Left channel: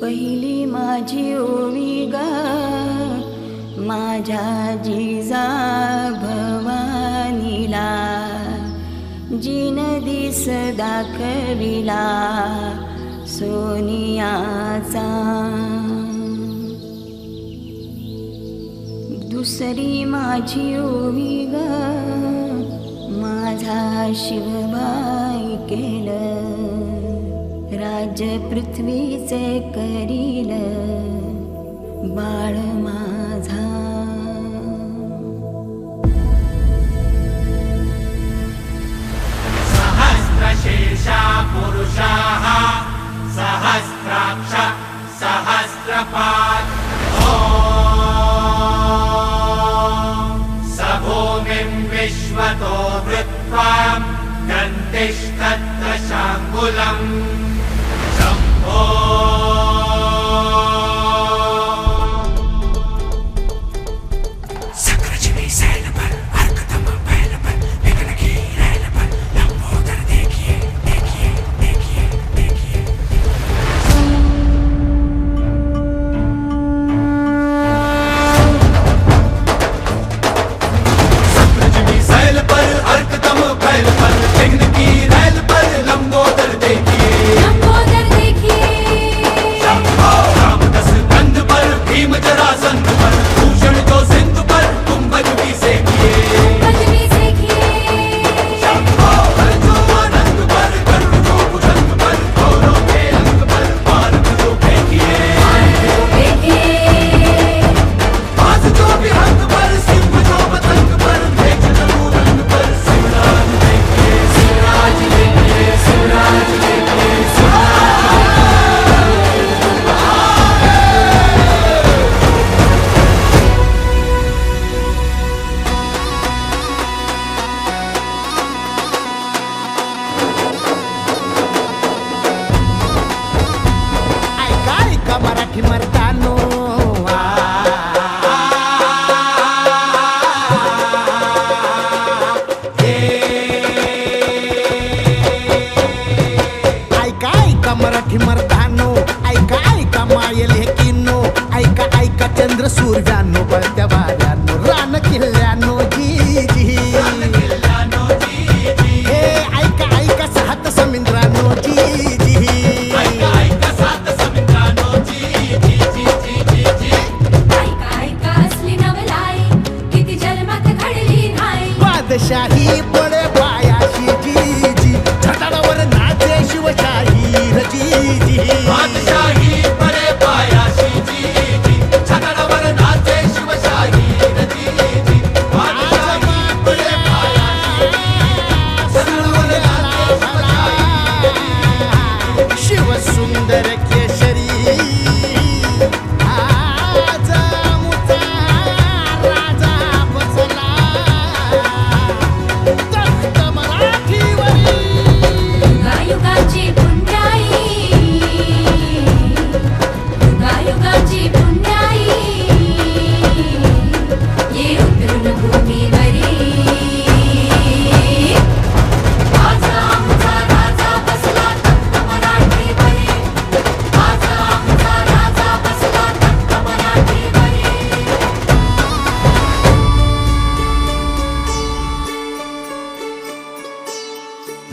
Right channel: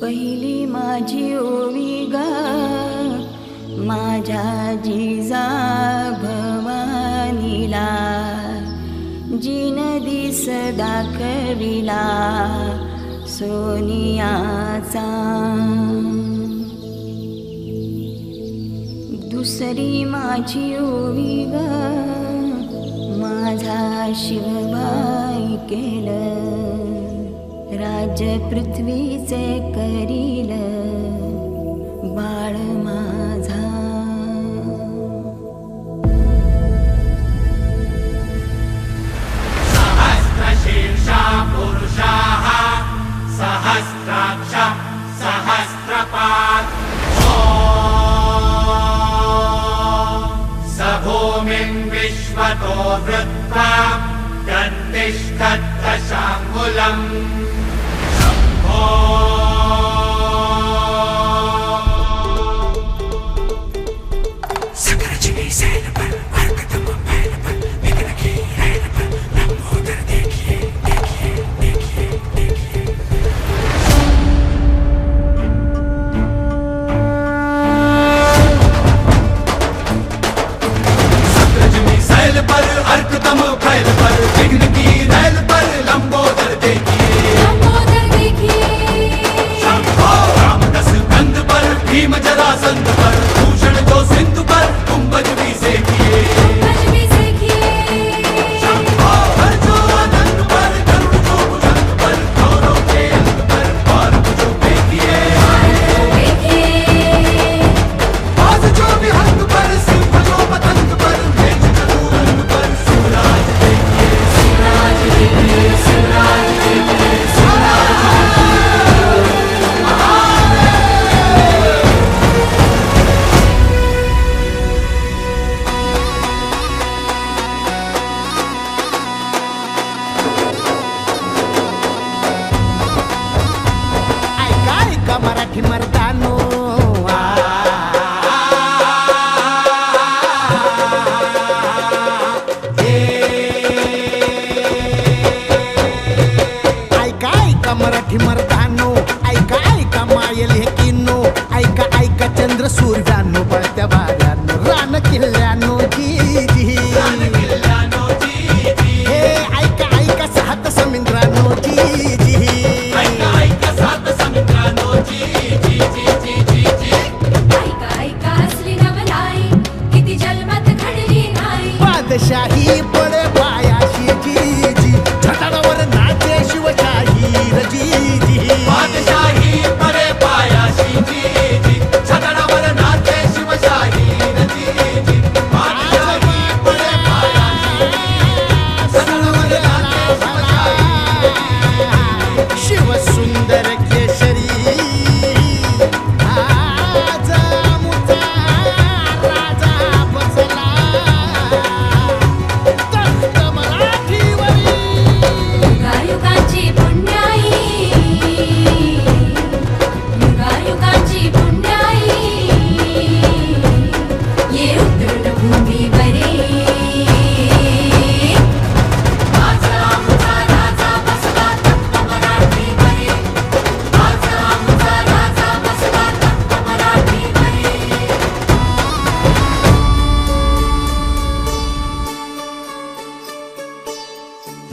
पहिली माझी ओवी गा माझ्या जिजा भवानीला, जिन दिस दाखविला सोनियाचा. दुसरी माझी ओवी गा माझा शिवबाई केलं, राज्य पृथ्वीचे करील बाळ माझा. सहस्रशीर्षा पुरुषाः सहस्राक्ष सहस्रपात्. स भूमिं विश्वतो वृत्वा गन्तिष्ठद्दशाङ्गुलम्. मराठी मर्दानो ऐका ऐका मराठी मर्दानो, ऐका ऐका मायल हे किनो, ऐका ऐका चंद्र सूर्यानो, बळत्या वाऱ्यानो, रान किल्ल्यानो जी जी. हे ऐका ऐका सात समुद्रानो जी जी. शाही पडे पायाशी जी जी, छटाडावर नाचे शिवशाही जी जी. बादशाही पडे पायाशी जी जी, छटाडावर नाचे शिवशाही जी जी. बादशाही पडे पायाशी, सूर्याला भला शिव सुंदर केशरी. आज मुचा राजा बसला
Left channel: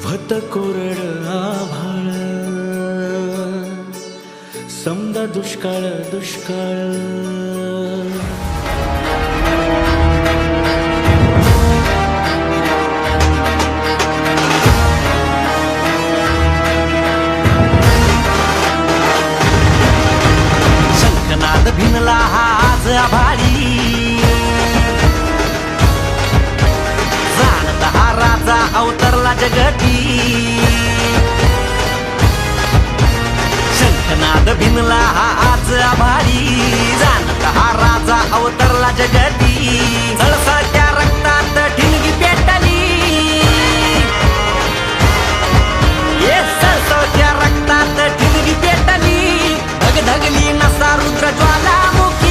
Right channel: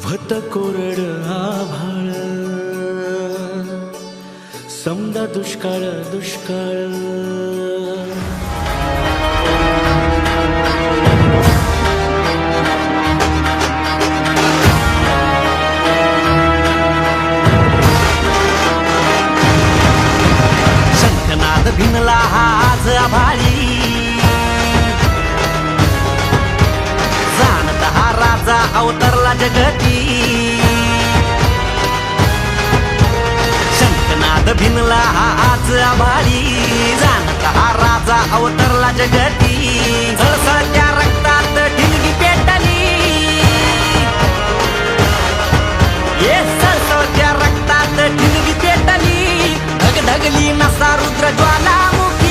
भत कोरड आभाळ, समदा दुष्काळ दुष्काळ. शंखनाद भिनला आज आभाळी, जाणता हा राजा अवतरला जगती. शंखनाद भिनला आज आभाळी, जाणता हा राजा अवतरला जगती. सळसळत्या रक्तात ठिणगी पेटली, ये सळसळत्या रक्तात ठिणगी पेटली. धगधगली नसा रुद्र ज्वालामुखी.